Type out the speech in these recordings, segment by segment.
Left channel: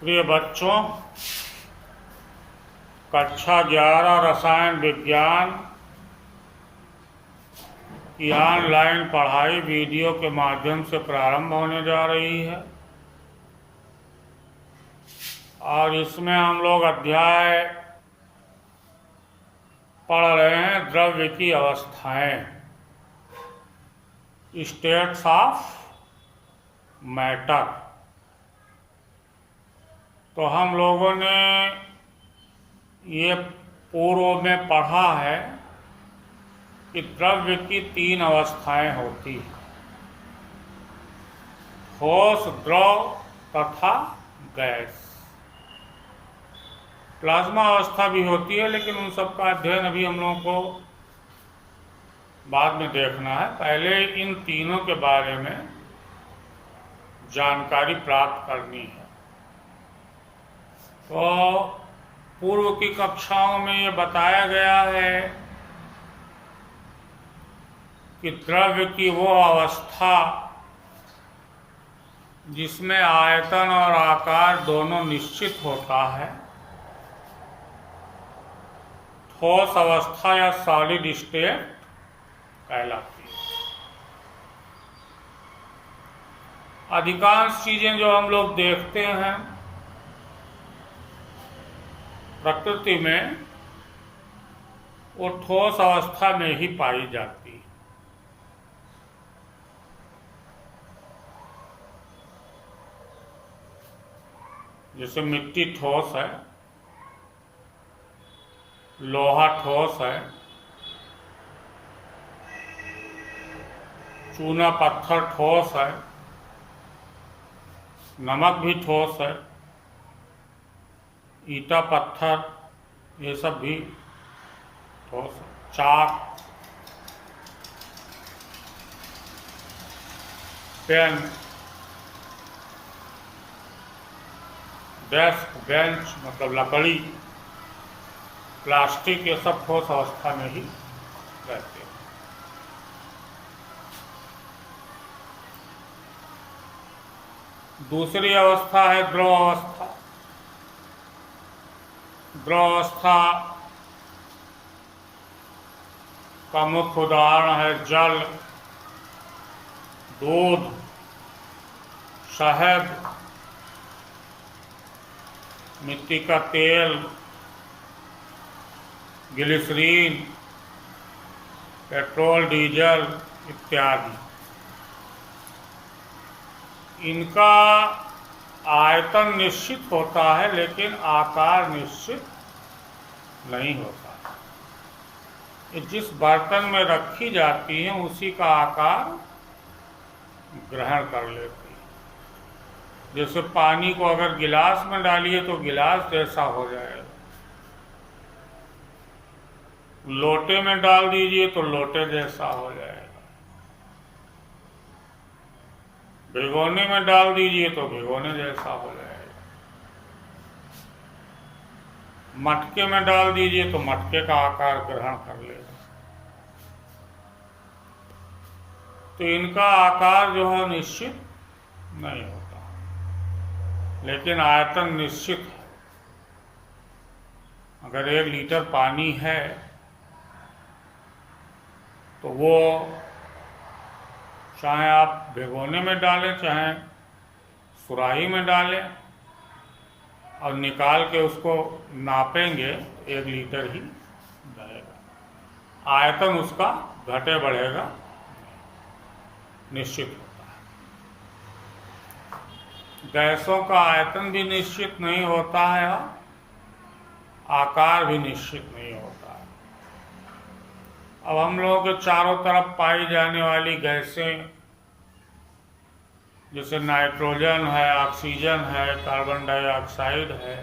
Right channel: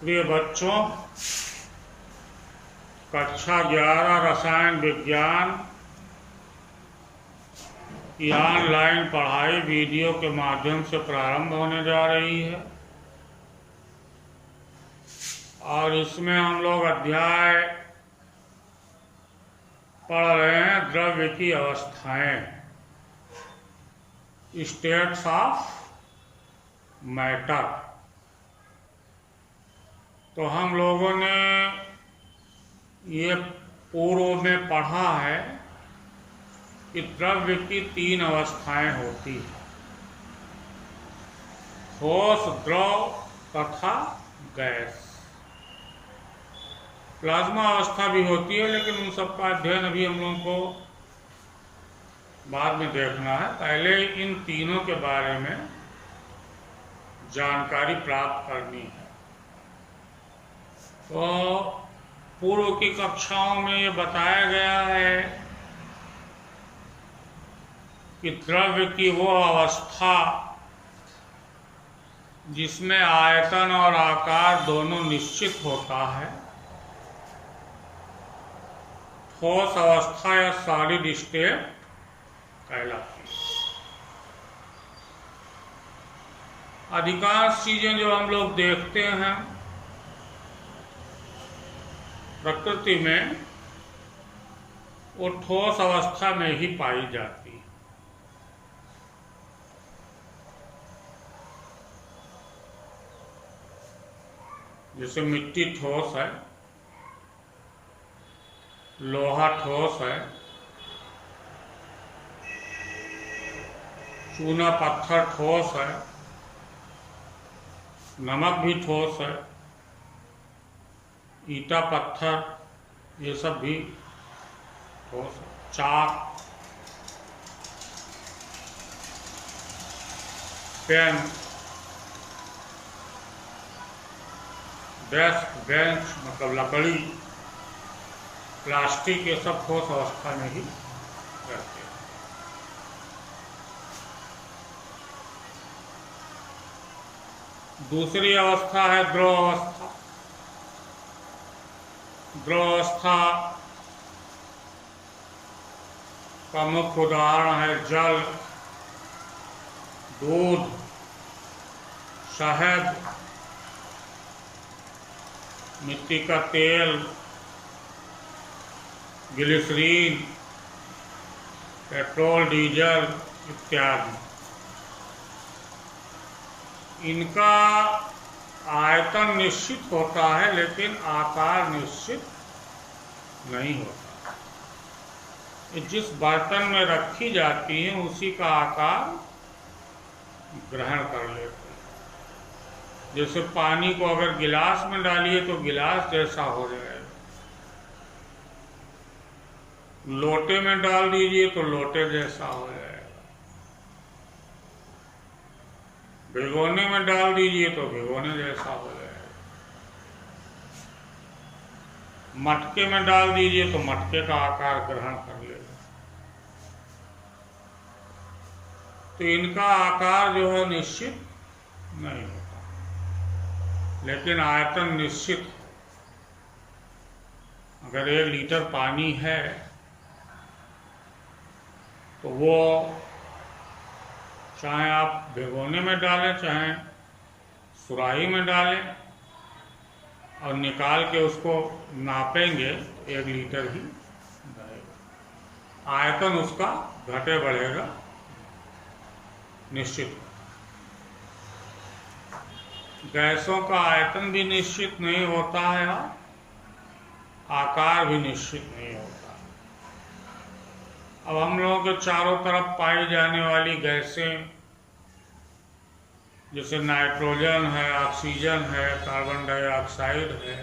प्रिय बच्चों, कक्षा 11 रसायन विज्ञान की ऑनलाइन पढ़ाई वीडियो के माध्यम से प्रारंभ होने जा रही है और इसमें हम लोग अध्याय पढ़ रहे हैं द्रव्य की अवस्थाएं, स्टेट्स ऑफ मैटर। तो हम लोगों ने ये पूर्व में पढ़ा है कि द्रव्य की 3 अवस्थाएं होती हैं, ठोस, द्रव तथा गैस। प्लाज्मा अवस्था भी होती है, लेकिन उन सब का अध्ययन अभी हम लोगों को बाद में देखना है। पहले इन तीनों के बारे में जानकारी प्राप्त करनी है। तो पूर्व की कक्षाओं में ये बताया गया है कि द्रव्य की वो अवस्था जिसमें आयतन और आकार दोनों निश्चित होता है, ठोस अवस्था या सॉलिड स्टेट कहलाती है। अधिकांश चीजें जो हम लोग देखते हैं प्रकृति में, वो ठोस अवस्था में ही पाई जाती है। जैसे मिट्टी ठोस है, लोहा ठोस है, चूना पत्थर ठोस है, नमक भी ठोस है, ईटा पत्थर ये सब भी ठोस है, चाक, पेन, डेस्क, बेंच मतलब लकड़ी, प्लास्टिक, ये सब ठोस अवस्था में ही रहते हैं। दूसरी अवस्था है द्रव अवस्था। द्रव अवस्था का मुख्य उदाहरण है जल, दूध, शहद, मिट्टी का तेल, ग्लिसरीन, पेट्रोल, डीजल इत्यादि। इनका आयतन निश्चित होता है, लेकिन आकार निश्चित नहीं होता। ये जिस बर्तन में रखी जाती हैं उसी का आकार ग्रहण कर लेती है। जैसे पानी को अगर गिलास में डालिए तो गिलास जैसा हो जाएगा, लोटे में डाल दीजिए तो लोटे जैसा हो जाएगा, भिगोने में डाल दीजिए तो भिगोने जैसा हो जाएगा, मटके में डाल दीजिए तो मटके का आकार ग्रहण कर लेगा। तो इनका आकार जो है निश्चित नहीं होता, लेकिन आयतन निश्चित है। अगर 1 लीटर पानी है तो वो चाहे आप भिगोने में डालें चाहे सुराही में डालें और निकाल के उसको नापेंगे तो 1 लीटर ही रहेगा। आयतन उसका घटे बढ़ेगा निश्चित होता है। गैसों का आयतन भी निश्चित नहीं होता है और आकार भी निश्चित नहीं होता है। अब हम लोगों के चारों तरफ पाई जाने वाली गैसें जैसे नाइट्रोजन है, ऑक्सीजन है, कार्बन डाइऑक्साइड है,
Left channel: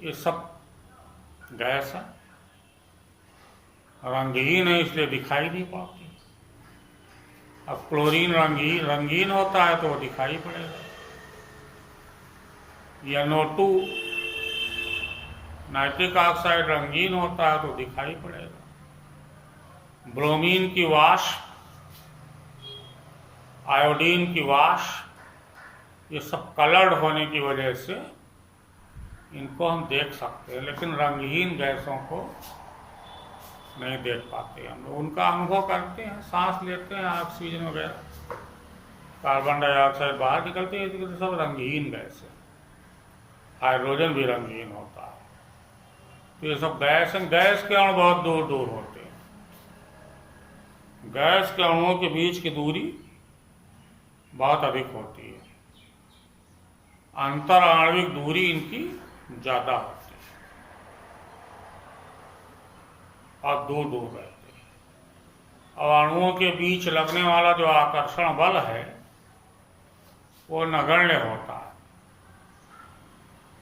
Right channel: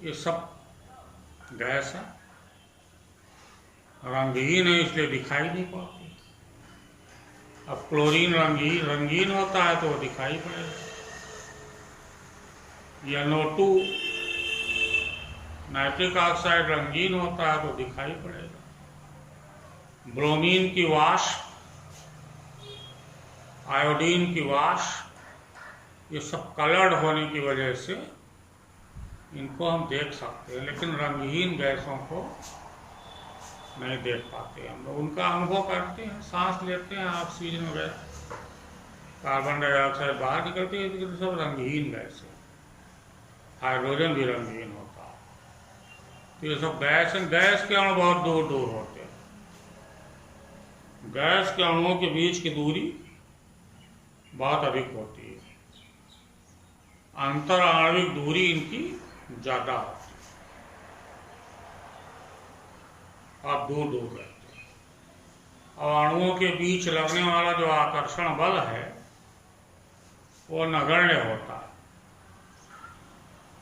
ये सब गैस है। रंगहीन है इसलिए दिखाई नहीं पड़ती। अब क्लोरीन रंगीन होता है तो वो दिखाई पड़ेगा, या NO2 नाइट्रिक ऑक्साइड रंगीन होता है तो दिखाई पड़ेगा। ब्रोमीन की वाष्प, आयोडीन की वाष्प, ये सब कलर्ड होने की वजह से इनको हम देख सकते हैं, लेकिन रंगहीन गैसों को नहीं देख पाते हम लोग। उनका अनुभव करते हैं, सांस लेते हैं, ऑक्सीजन वगैरह, कार्बन डाइऑक्साइड बाहर निकलती है, लेकिन सब रंगहीन गैस है। हाइड्रोजन भी रंगहीन होता है। तो ये सब गैस हैं। गैस के अणु बहुत दूर दूर होते हैं। गैस के अणुओं के बीच की दूरी बहुत अधिक होती है। अंतर आणविक दूरी इनकी ज्यादा होती है और दूर दूर रहते हैं। और अणुओं के बीच लगने वाला जो आकर्षण बल है वो नगण्य होता है।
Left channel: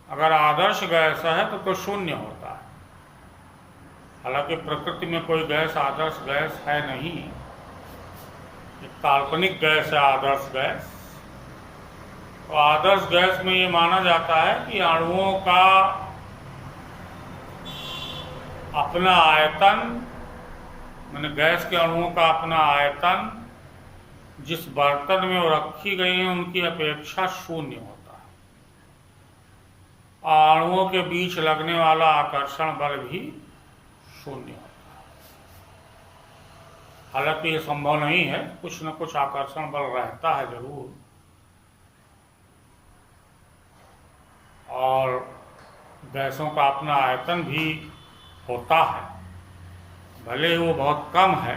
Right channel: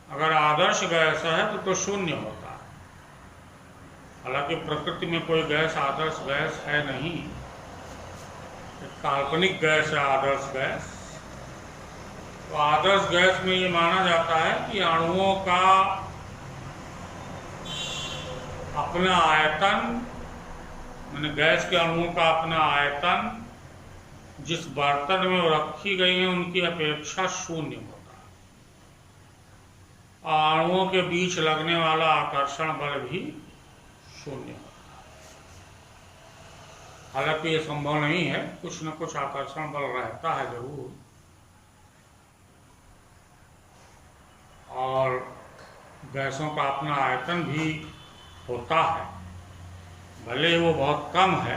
अगर आदर्श गैस है तो शून्य होता है। हालांकि प्रकृति में कोई गैस आदर्श गैस है नहीं, एक काल्पनिक गैस है आदर्श गैस। तो आदर्श गैस में ये माना जाता है कि अणुओं का अपना आयतन, माने गैस के अणुओं का अपना आयतन जिस बर्तन में वो रखी गई है उनकी अपेक्षा शून्य होता है। और अणुओं के बीच लगने वाला आकर्षण बल भी शून्य होता है। हालांकि ये संभव नहीं है, कुछ न कुछ आकर्षण बल रहता है जरूर। और गैसों का अपना आयतन भी होता है, भले ही वो बहुत कम है।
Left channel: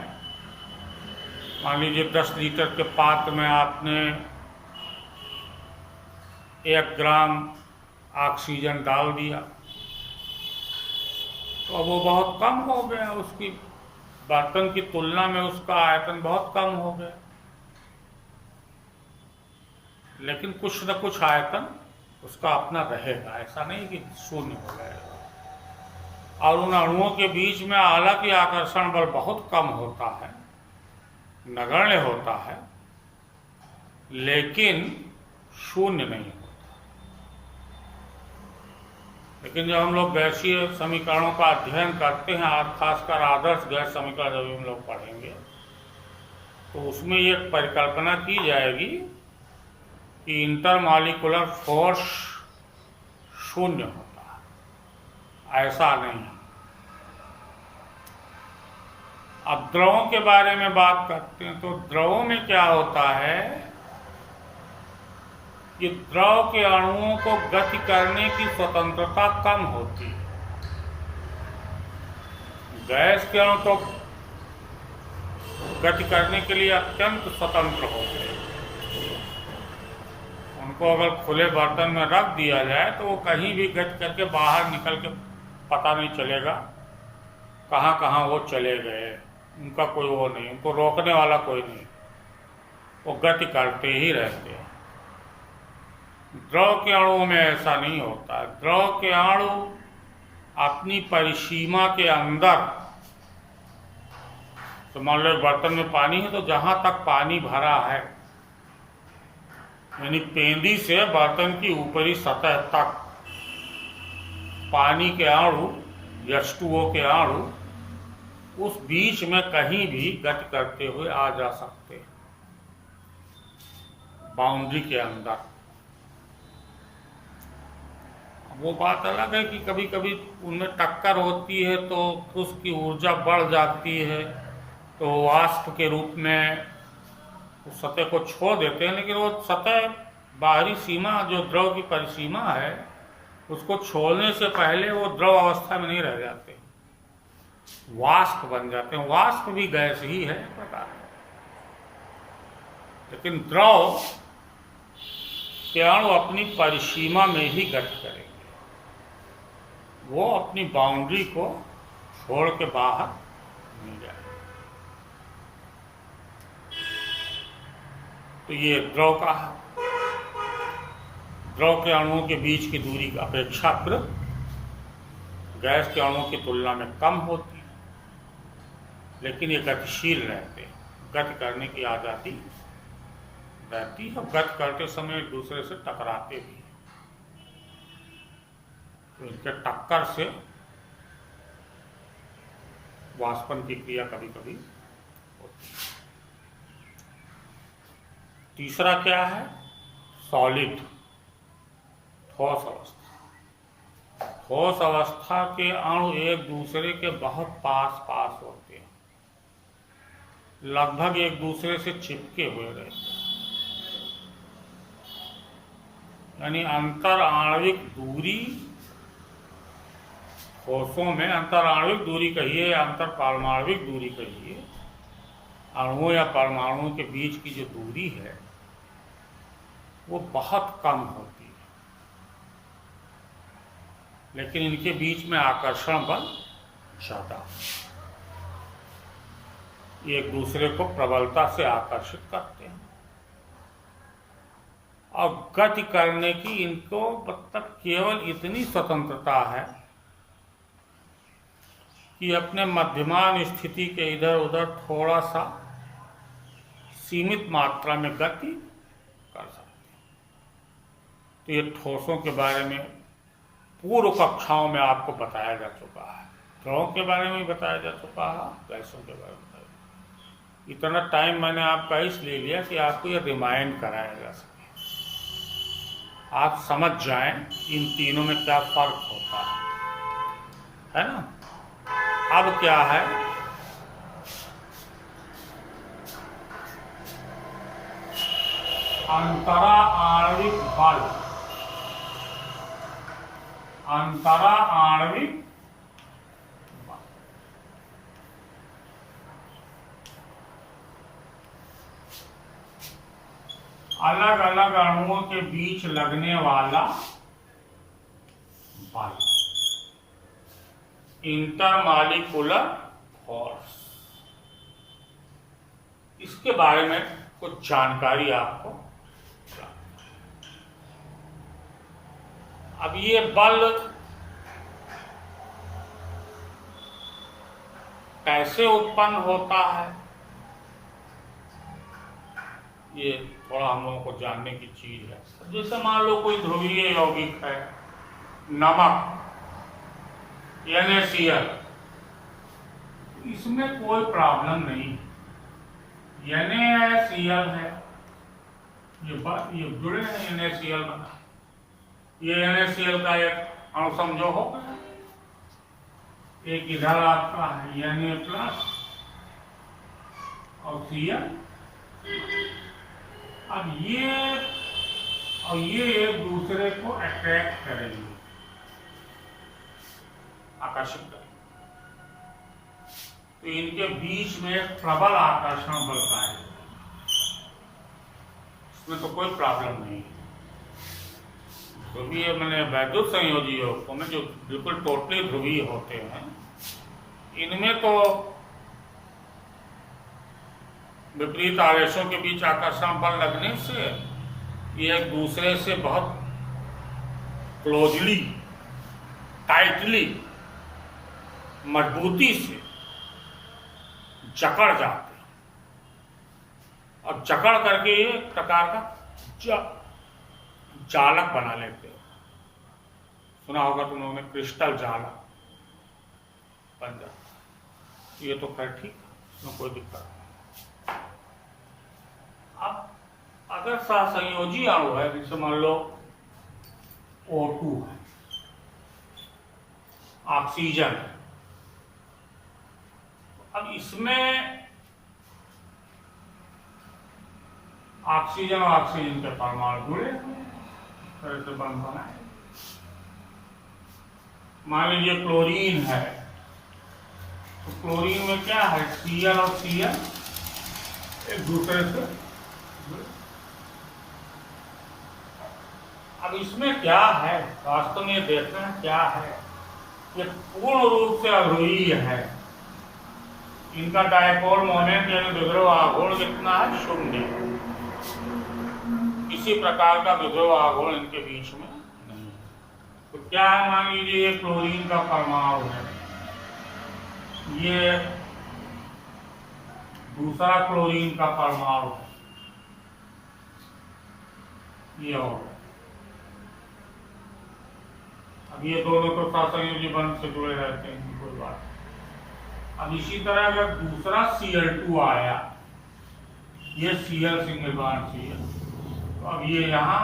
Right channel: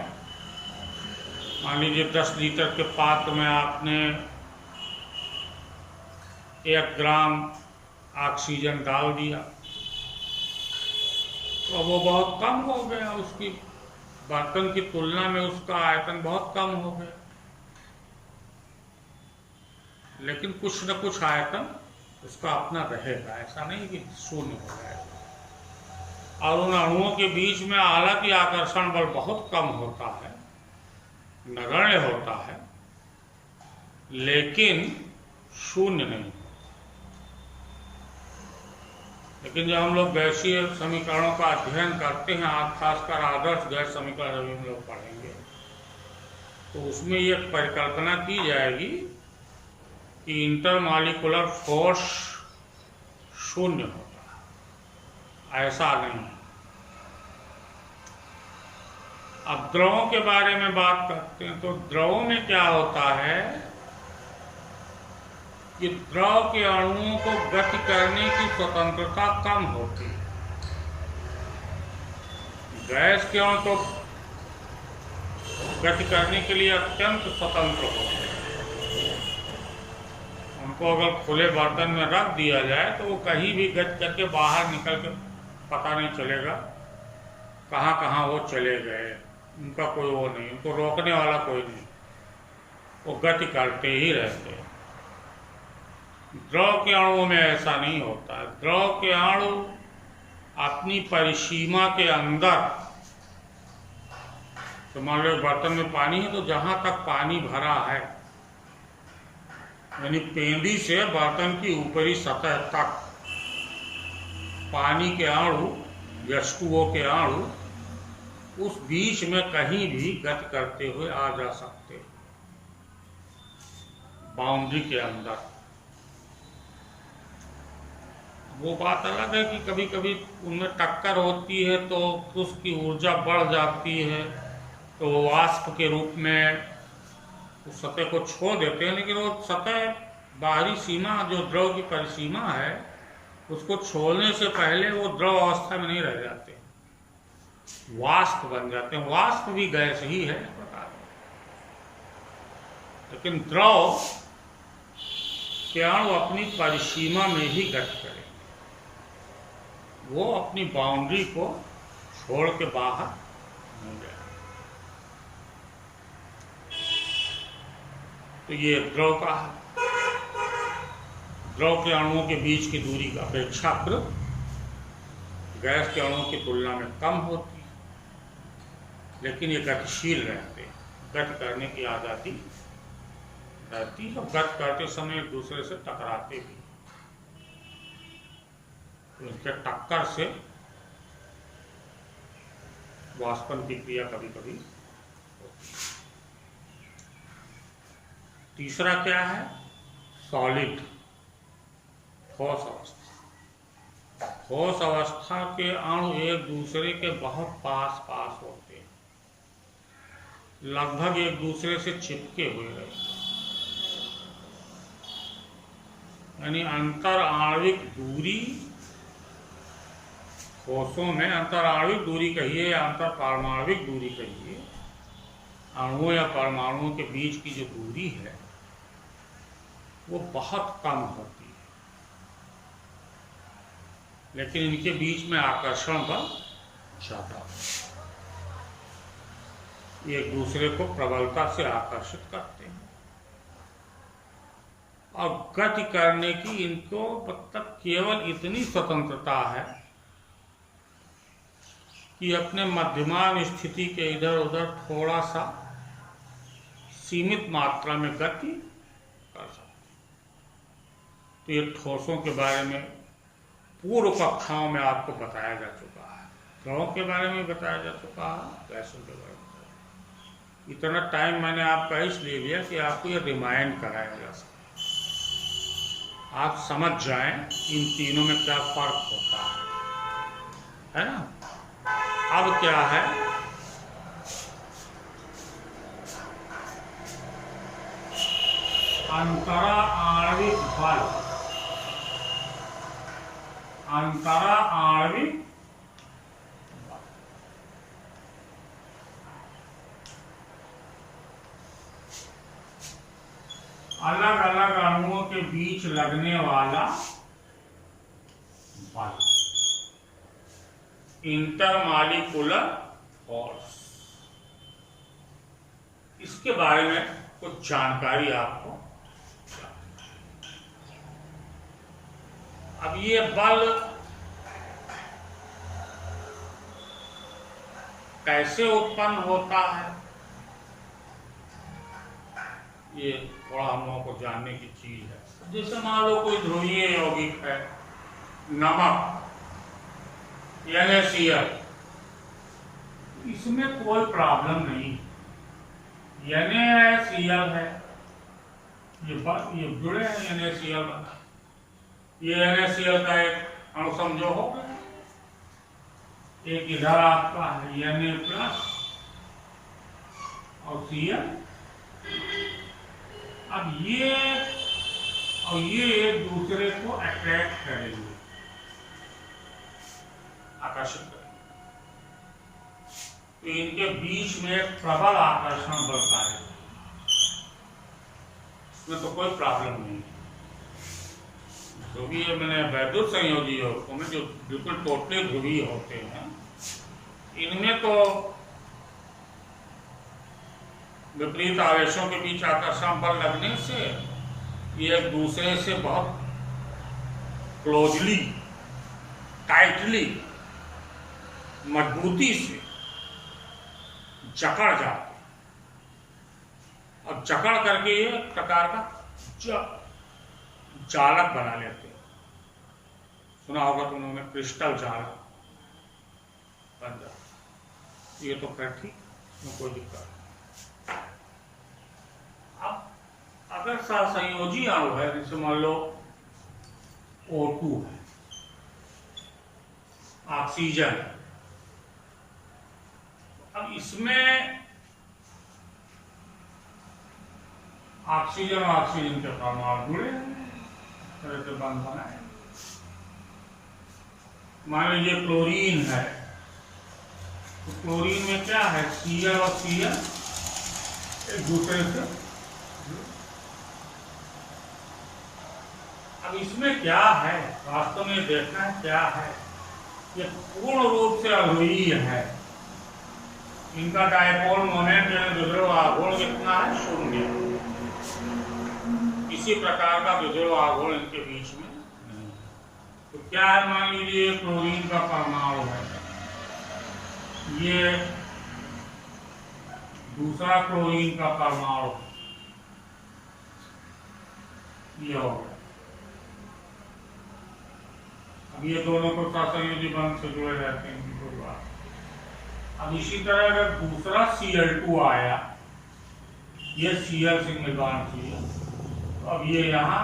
मान लीजिए 10 लीटर के पात्र में आपने 1 ग्राम ऑक्सीजन डाल दिया तो वो बहुत कम हो गया, उसकी बर्तन की तुलना में उसका आयतन बहुत कम हो गया। लेकिन कुछ न कुछ आयतन उसका अपना रहेगा, ऐसा नहीं कि शून्य हो जाएगा। और उन अणुओं के बीच में हालांकि आकर्षण बल बहुत कम होता है, नगण्य होता है, लेकिन शून्य नहीं होता। लेकिन जब हम लोग गैसीय समीकरणों का अध्ययन करते हैं, खासकर आदर्श गैस समीकरण जब हम लोग पढ़ेंगे, तो उसमें ये परिकल्पना की जाएगी कि इंटरमॉलिक्यूलर फोर्स शून्य होता है। ऐसा नहीं। अब द्रवों के बारे में बात करते हैं, तो द्रवों में क्या होता है कि द्रव के अणुओं को गति करने की स्वतंत्रता कम होती है। गैस के अणु तो गति करने के लिए अत्यंत स्वतंत्र होते हैं। उनको अगर खुले बर्तन में रख दिया जाए तो वो कहीं भी गति करके बाहर निकल के पता नहीं चलेगा कहाँ कहाँ वो चले गए। उनका कोई वो नहीं, उनको रोकने वाला कोई नहीं, वो गति करते ही रहते हैं। द्रव के अणुओं में ऐसा नहीं होता है। द्रव के अणु अपनी परिसीमा के अंदर, तो मान लो बर्तन में पानी है तो जहां तक पानी भरा है, यानी पेंदी से बर्तन की ऊपरी सतह तक पानी के अणु, H2O के अणु उस बीच में कहीं भी गति करते हुए आ जा सकते हैं, बाउंड्री के अंदर। वो बात अलग है कि कभी कभी उनमें टक्कर होती है तो उसकी ऊर्जा बढ़ जाती है, तो वाष्प के रूप में उस सतह को छोड़ देते हैं। लेकिन वो सतह, बाहरी सीमा जो द्रव की परिसीमा है, उसको छोड़ने से पहले वो द्रव अवस्था में नहीं रह जाते, वाष्प बन जाते हैं। वाष्प भी गैस ही है एक प्रकार का। लेकिन द्रव के अणु अपनी परिसीमा में ही गति करेंगे, वो अपनी बाउंड्री को छोड़ के बाहर नहीं जाएंगे। तो ये द्रव का है। द्रव के अणुओं के बीच की दूरी अपेक्षाकृत गैस के अणुओं की तुलना में कम होती है, लेकिन ये गतिशील रहते हैं, गति करने की आज़ादी रहती है। गति करते समय एक दूसरे से टकराते भी, तो इनके टक्कर से वाष्पन की क्रिया कभी कभी होती है। तीसरा क्या है? सॉलिड, ठोस अवस्था। ठोस अवस्था के अणु एक दूसरे के बहुत पास पास होते हैं, लगभग एक दूसरे से चिपके हुए रहते हैं, यानी अंतर आणविक दूरी, ठोसों में अंतर आणविक दूरी कहिए या अंतर पारमाणविक दूरी कहिए, अणुओं या परमाणुओं के बीच की जो दूरी है वो बहुत कम होती है, लेकिन इनके बीच में आकर्षण बल ज्यादा, एक दूसरे को प्रबलता से आकर्षित करते हैं और गति करने की इनको मतलब केवल इतनी स्वतंत्रता है कि अपने मध्यमान स्थिति के इधर उधर थोड़ा सा सीमित मात्रा में गति कर सकते हैं। तो ये ठोसों के बारे में पूर्व कक्षाओं में आपको बताया जा चुका है, ग्रहों के बारे में बताया जा चुका है, गैसों के बारे में। इतना टाइम मैंने आपका इसलिए लिया कि आपको ये रिमाइंड कराया जा सके, आप समझ जाएं इन तीनों में क्या फर्क होता है ना। अब क्या है, अंतरा आणविक बल, अंतरा आणविक अलग अलग अणुओं के बीच लगने वाला बल, इंटरमॉलिक्यूलर फोर्स। इसके बारे में कुछ जानकारी आपको। अब ये बल कैसे उत्पन्न होता है, ये थोड़ा हम लोगों को जानने की चीज है। जैसे मान लो कोई ध्रुवीय यौगिक है, नमक NaCl, इसमें कोई प्रॉब्लम नहीं, NaCl है, ये जुड़े हैं, NaCl बना, ये NaCl का एक अणु समझो हो गया, एक इधर आपका है Na प्लस और Cl। अब ये एक दूसरे को अट्रैक्ट करेंगे, आकर्षित करेंगे, तो इनके बीच में प्रबल आकर्षण बल है, इसमें तो कोई प्रॉब्लम नहीं है। ध्रुवीय मैंने वैद्युत संयोजी यौगिकों में जो बिल्कुल टोटली ध्रुवीय होते हैं, इनमें तो विपरीत आवेशों के बीच आकर्षण बल लगने से ये एक दूसरे से बहुत क्लोजली, टाइटली, मजबूती से जकड़ जाते हैं और जकड़ करके ये एक प्रकार का जालक बना लेते हैं। सुना होगा तुम लोगों ने, क्रिस्टल जालक बन जाता। ये तो खैर ठीक है, कोई दिक्कत नहीं। अगर सहसंयोजी अणु है, जैसे मान लो O2 है, ऑक्सीजन है, अब इसमें ऑक्सीजन और ऑक्सीजन के परमाणु जुड़े तरह से बंध बनाए। मान लीजिए क्लोरीन है, तो क्लोरीन में क्या है, Cl और Cl एक दूसरे से। अब इसमें क्या है, वास्तव में देखना है क्या है, ये पूर्ण रूप से अध्रुवीय है। इनका डायपोल मोमेंट यानी विद्रोह आघूर्ण कितना है, 0। किसी प्रकार का विद्रोह आघूर्ण इनके बीच में नहीं। तो क्या है, मान लीजिए क्लोरीन का परमाणु है, ये दूसरा क्लोरीन का परमाणु है, ये हो गया। अब ये दोनों तो सहसंयोजी बंध से जुड़े रहते हैं, कोई बात नहीं। अब इसी तरह अगर दूसरा Cl2 आया, ये Cl सिंगल बॉन्ड Cl, तो अब ये यहाँ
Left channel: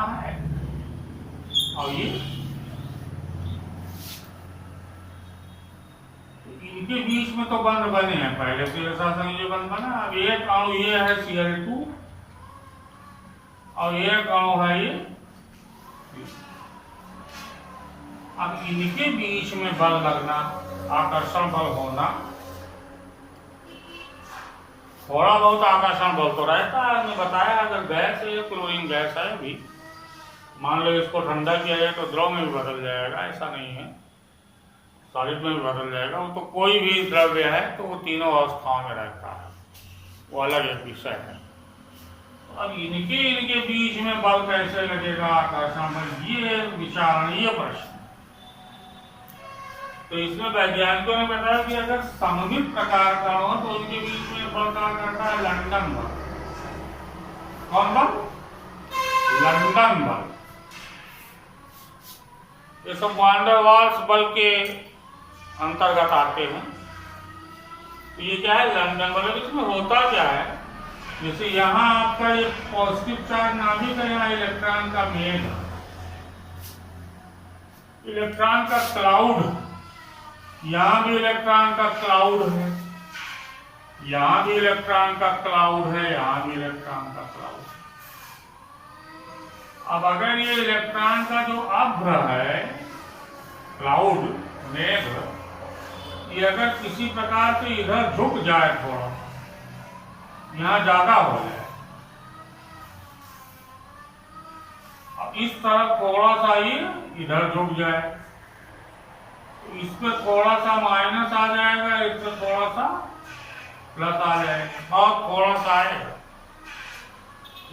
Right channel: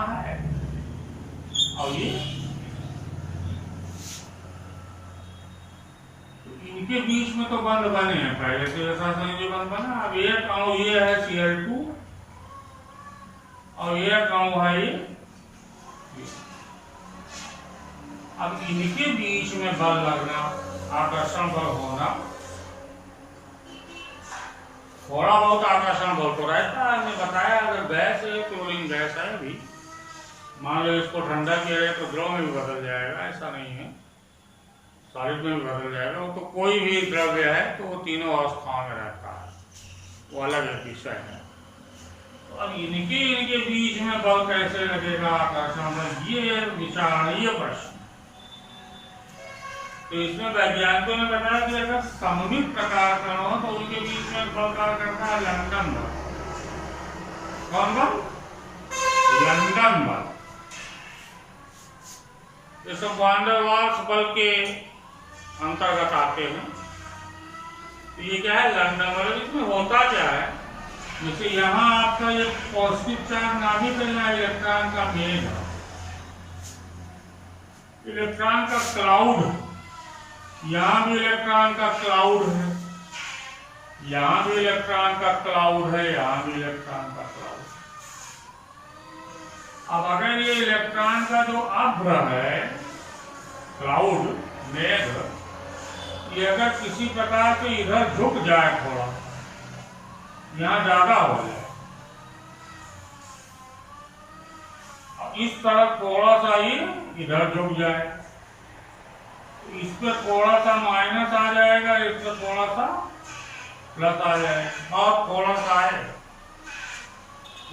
बीच में तो बंध बने हैं, पहले से ऐसा संयोजी बंध बना। अब एक अणु ये है Cl2 और एक अणु है ये। अब इनके बीच में बल लगना, आकर्षण बल होना, थोड़ा बहुत आकर्षण बल तो रहता है। हमने बताया अगर गैस है, क्लोरीन गैस है भी, मान लो इसको ठंडा किया जाए तो द्रव में भी बदल जाएगा, ऐसा नहीं है, सॉलिड में भी बदल जाएगा। वो तो कोई भी द्रव्य है तो वो तीनों अवस्थाओं में रहता है, वो अलग एक विषय है। तो अब इनके बीच में बल कैसे लगेगा, आकर्षण बल, ये विचारणीय प्रश्न। तो इसमें वैज्ञानिकों ने बताया कि अगर सममित प्रकार का हो तो उनके बीच में बल क्या करता है, लंदन बल। कौन बल? लंदन बल। ये सब वान डेर वाल्स बल के अंतर्गत आते हैं। ये क्या है, लंदन बल। इसमें होता क्या है, जैसे यहाँ आपका ये पॉजिटिव चार्ज नाभिक है, यहाँ इलेक्ट्रॉन का मेल है, इलेक्ट्रॉन का क्लाउड, यहाँ भी इलेक्ट्रॉन का क्लाउड है, यहाँ भी इलेक्ट्रॉन का क्लाउड है, यहाँ भी इलेक्ट्रॉन का क्लाउड। अब अगर ये इलेक्ट्रॉन का जो अभ्र है, क्लाउड, मेघ, ये अगर किसी प्रकार से इधर झुक जाए, थोड़ा यहाँ ज्यादा हो जाए, अब इस तरफ थोड़ा सा ये इधर झुक जाए, इस पे थोड़ा सा माइनस आ जाएगा, इस पे थोड़ा सा प्लस आ जाएगा, और थोड़ा सा आएगा।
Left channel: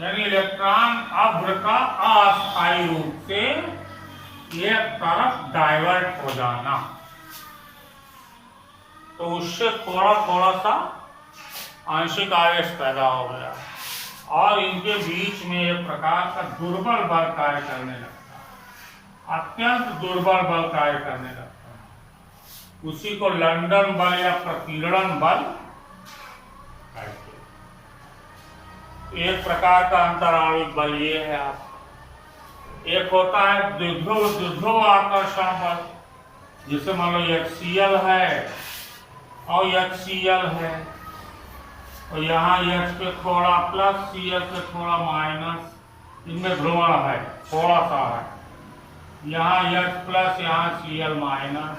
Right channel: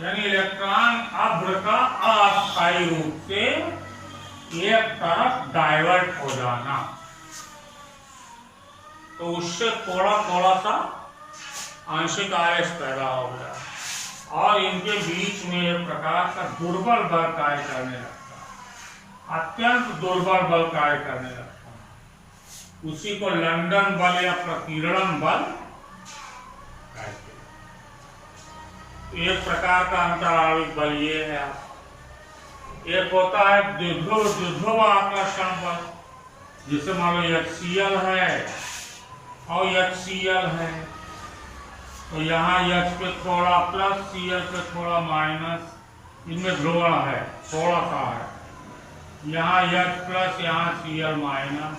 यानी इलेक्ट्रॉन अभ्र का अस्थायी रूप से एक तरफ डाइवर्ट हो जाना, तो उससे थोड़ा थोड़ा सा आंशिक आवेश पैदा हो गया और इनके बीच में एक प्रकार का दुर्बल बल कार्य करने लगता है, अत्यंत दुर्बल बल कार्य करने लगता है। उसी को लंदन बल या प्रकीर्णन बल कहते हैं। एक प्रकार का अंतराणविक बल ये है। एक होता है द्विध्रुव आकर्षण बल, जिसे मान लो HCl है और HCl है, तो यहाँ H पे थोड़ा प्लस, Cl पे थोड़ा माइनस, इनमें ध्रुवण है, थोड़ा सा है, यहाँ H प्लस, यहाँ Cl माइनस।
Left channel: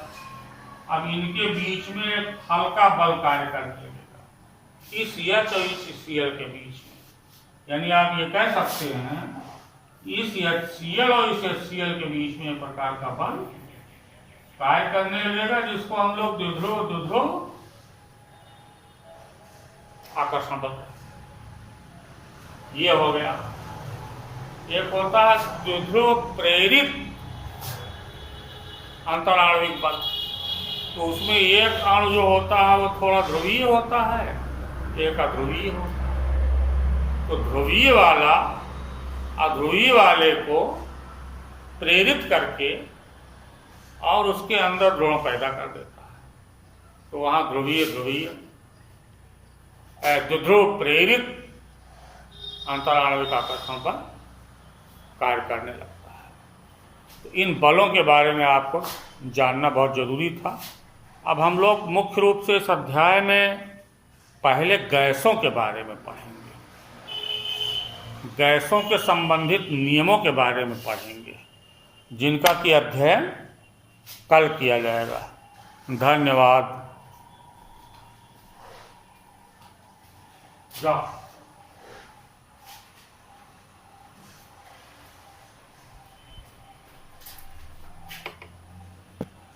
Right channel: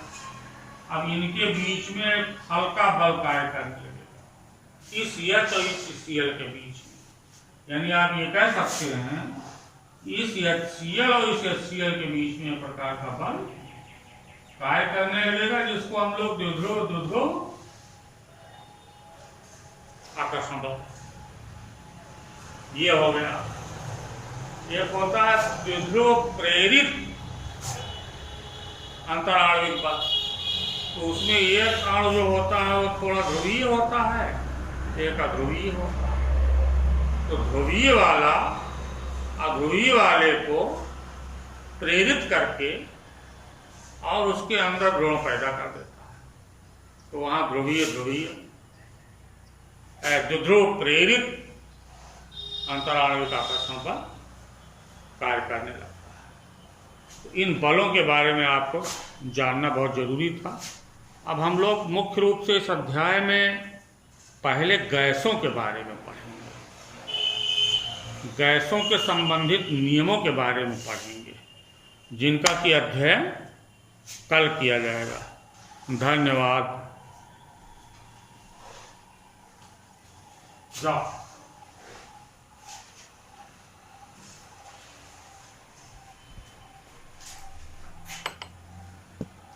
अब इनके बीच में हल्का बल कार्य करने लगेगा, इस H और इस Cl के बीच में। यानी आप ये कह सकते हैं इस HCl और इस HCl के बीच में एक प्रकार का बल कार्य करने लगेगा, जिसको हम लोग द्विध्रुव आकर्षण बल, ये हो गया। एक होता है द्विध्रुव प्रेरित अंतराणविक बल, तो उसमें एक अणु जो होता है वो थोड़ा ध्रुवीय होता है, एक अध्रुवीय होता है। तो ध्रुवीय वाला अध्रुवीय वाले को प्रेरित करके और उसके अंदर ध्रुव पैदा कर देता है, तो वहां ध्रुवीय द्विध्रुव प्रेरित अंतराणविक आकर्षण बल कार्य करने लगता है। तो इन बलों के बारे में आपको जानना बहुत जरूरी था। अब हम लोग मुख्य रूप से इस अध्याय में पहले गैसों के बारे में पढ़ेंगे, गैसों के संबंधित नियमों के बारे में पढ़ेंगे, जिनका कि अध्ययन कल किया जाएगा। धन्यवाद।